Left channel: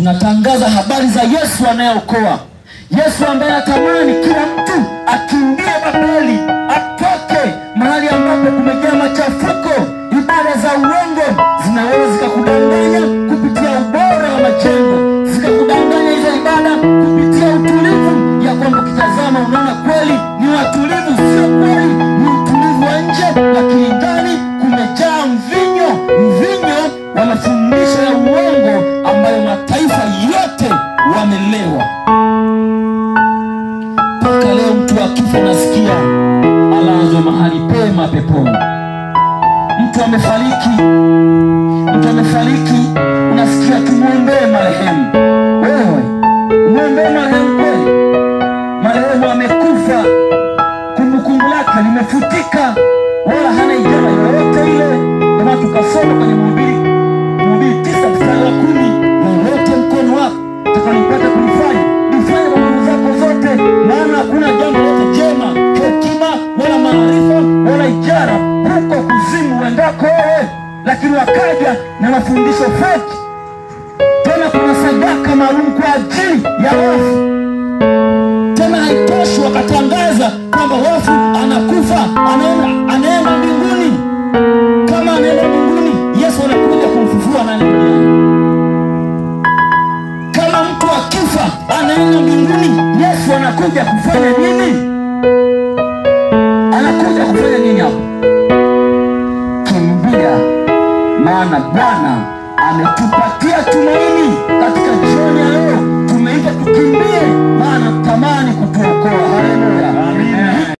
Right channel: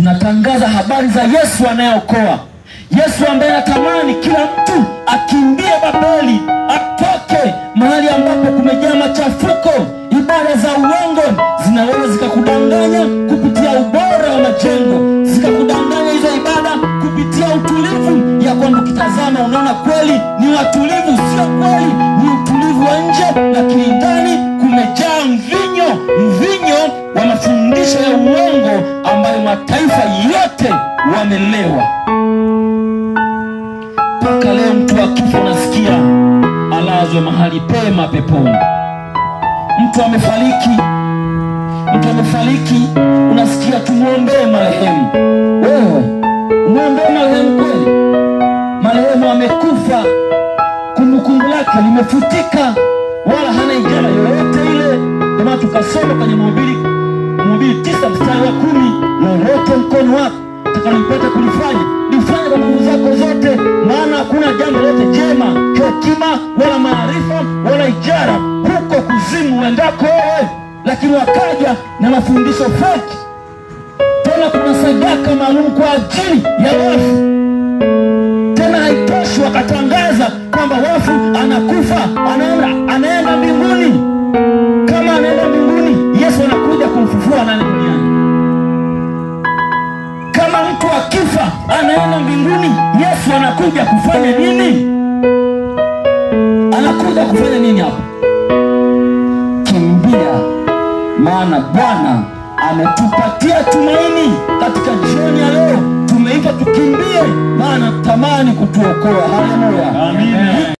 tunatangaza habari za Yesu anayeokoa. Yesu ambaye anatamani kila mtu akimbie Babeli, atoke mahali ambapo kumejaa machafuko. Ibada za uongo zinaweza zikakudanganya kupitia ubora wa majengo, zikakudanganya hizo ibada kupitia utulivu, ya kwamba ukitazama unaona kweli ni watulivu. Sio kweli, ni utulivu wa nje, lakini ndani kumejaa mvinyo wa mafundisho ya uongo ambayo mataifa yote wamelewa. Mpaka leo mtu akifa nasikia alazwe mahali pema peponi. Mtu amefariki unasikia tumuombee marehemu. Wewe umuombee marehemu kweli? Marehemu amekufa, kumbukumbu lake limefutika, wala hana ijara yoyote ile. Kama tukasoma kwenye Mhubiri 9 mstari wa 10, lolote mkono wako utakampata kulifanya, lifanye kwa nguvu zako zote, maana hakuna jambo lote jema, hekima wala maarifa wala ijara huko kuzimu wendako wewe. Lakini wakaja na mafundisho feki. Tena kuna sadaka maalum kwa ajili ya wafu. Tena haitoshi, wakatangaza kwamba wafu anakufa anaenda mbinguni. Kama anaenda mbinguni, Yesu anakuja kumfufua nani duniani? Kama mtu akifa anaenda mbinguni, Yesu anakuja kufanya nini? Anakuja kufanya nini hapa? Kimbia, maana Bwana ametupatia tumaini. Katika jioni ya leo tumeitwa tukimbie, maana tamani kutuokoa. Haleluya. Amen.